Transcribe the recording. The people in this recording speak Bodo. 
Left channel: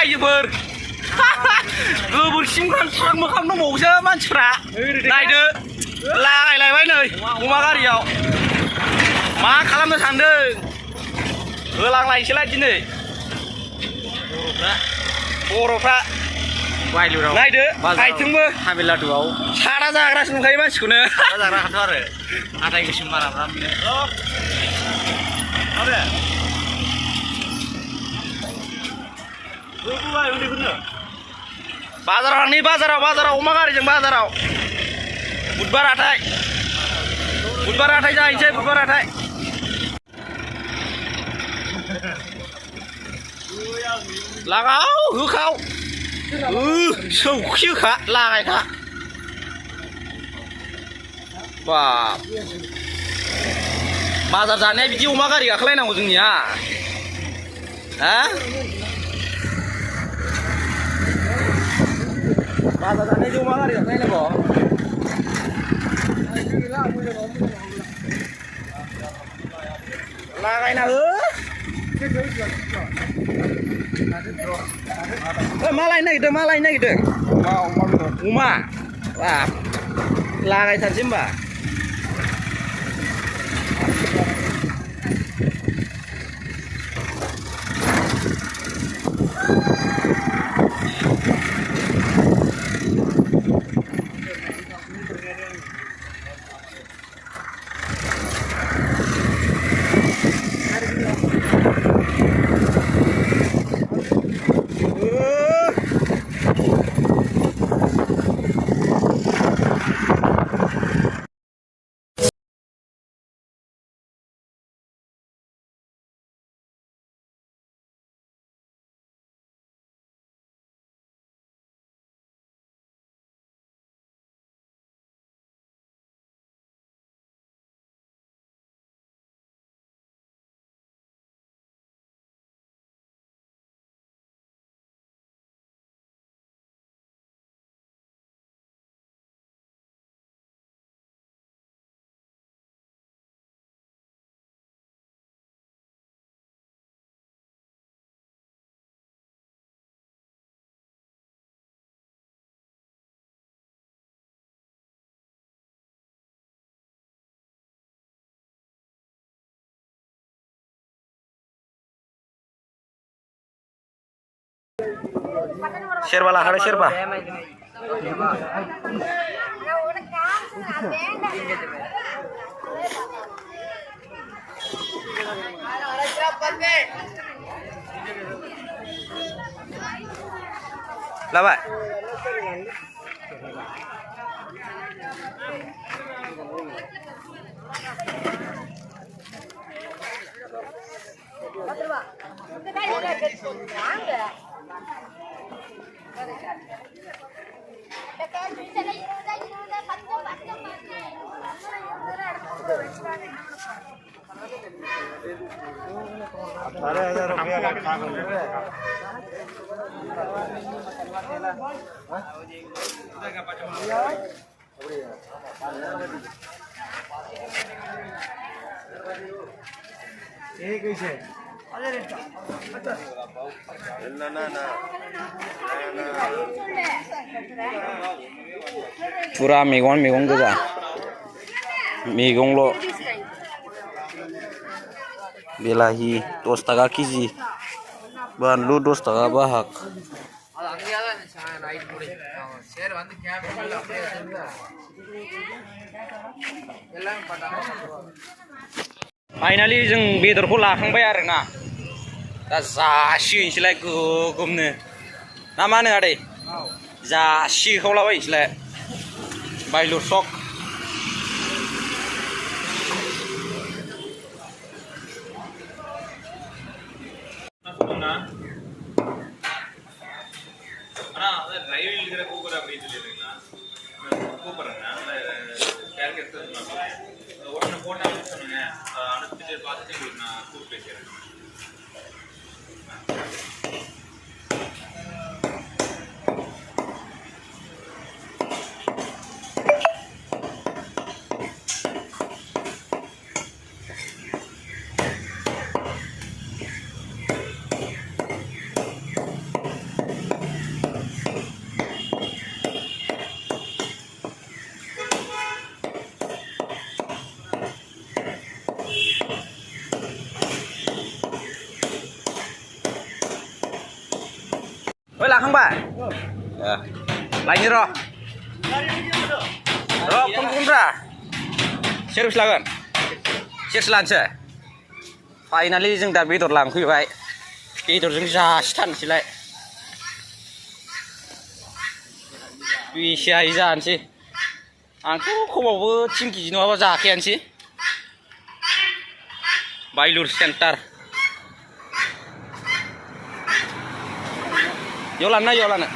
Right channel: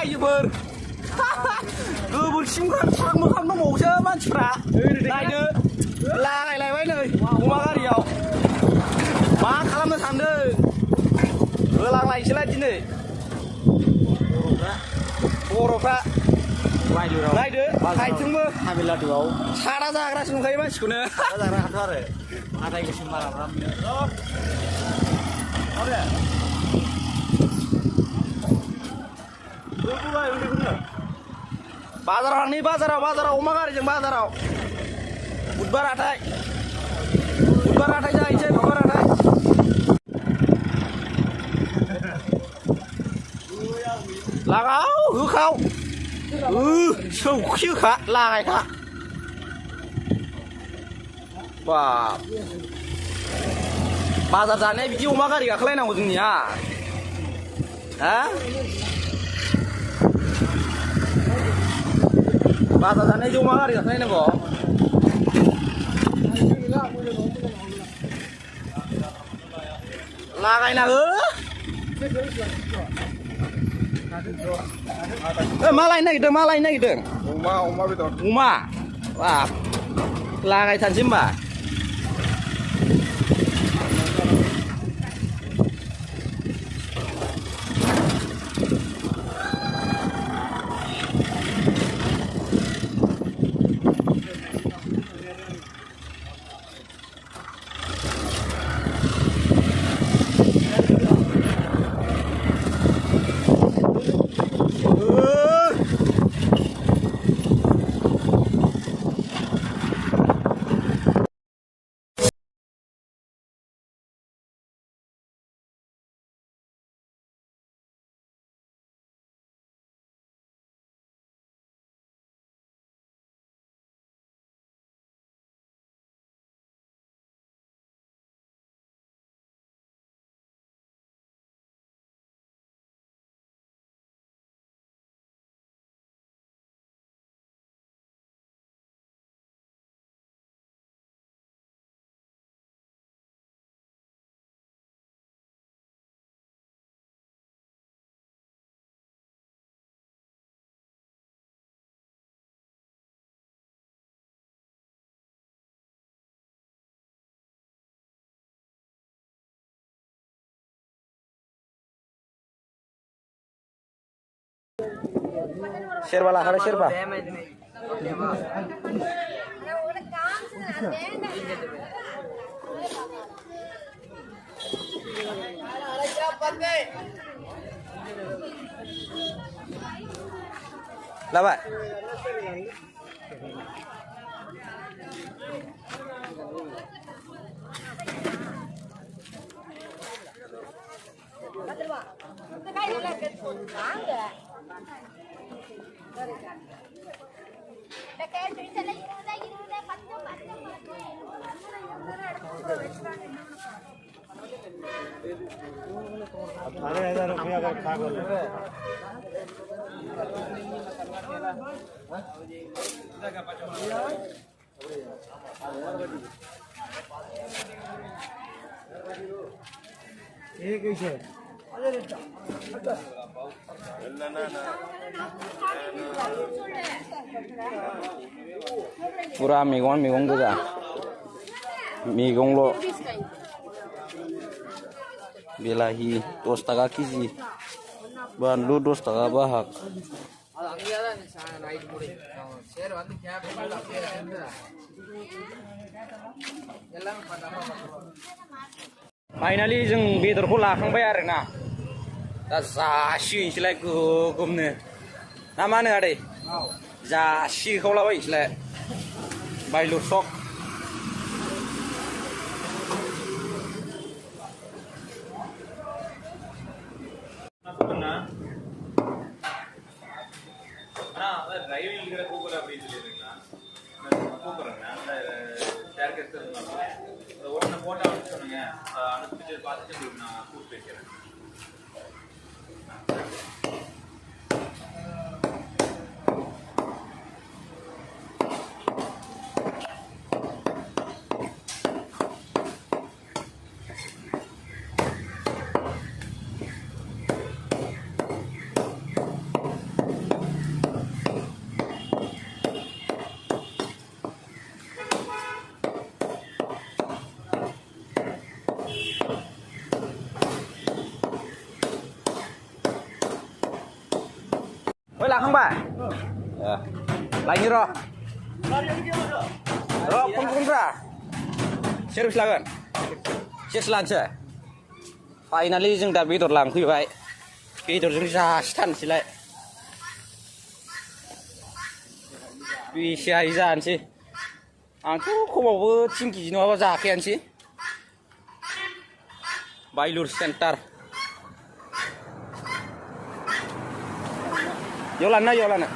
रायजोफोर गोबोरखिजों स्रां मोखां दंबावोसो मानसिफ्रा नायदो लागायलायबाय नै अमा गारियाव मा खालामनो सानदों होलांलायसैलाय दिनै बर'फ्रा नायदो आइथिंबो हामिलादुआव सारा जाग्रासो नुखायो मानसिखौनो जाग्रा हाथ' आरो हाथाय गोसोम माराफ्रा बाजाराव थांनि बाजाराव अमा गारिजों बाजाराव बुधबार हाथाय जाहैनोसै बुधबार हाथाय लागाव होखाव सौखि होखा लागायखा बाब बाजार जानाया बिदि अमा गारि गाखोलायनांगौ जोंनिया हा बाजार जानाय अमा गारि गाखोलायनांगौ लागायना हो मा लायनो नागिरदों अमा बाब लागायथारसै होमबा शेरबा लाखादो शेरबा लाबाय ₹18,000 का खा कैसे पूरा मैगं गोजा मैगंल' बिलाहि 10 थाखा केजि बानलु 10 थाखा बाहाग फाइनालि जों बेदरखौ लाखांबाय आरोना दा जासिगोनसैलाय गोगोमनो ना मा होनो आदै जासिखावलाबायनोसैलाय बायलु सक लाखांबाय लायनि र' फन बुंब्रा सेरबेसे लागोन सेरसे लानोसै फाइनालि जों दा बेदर लांफैबाय बेदरजों जासिथारनोसैलाय बेसे हायो जानोसै आंथ' खमावबो 3 केजि नङाबा जाखायानोसै बायलुर सेन्टार याव लानो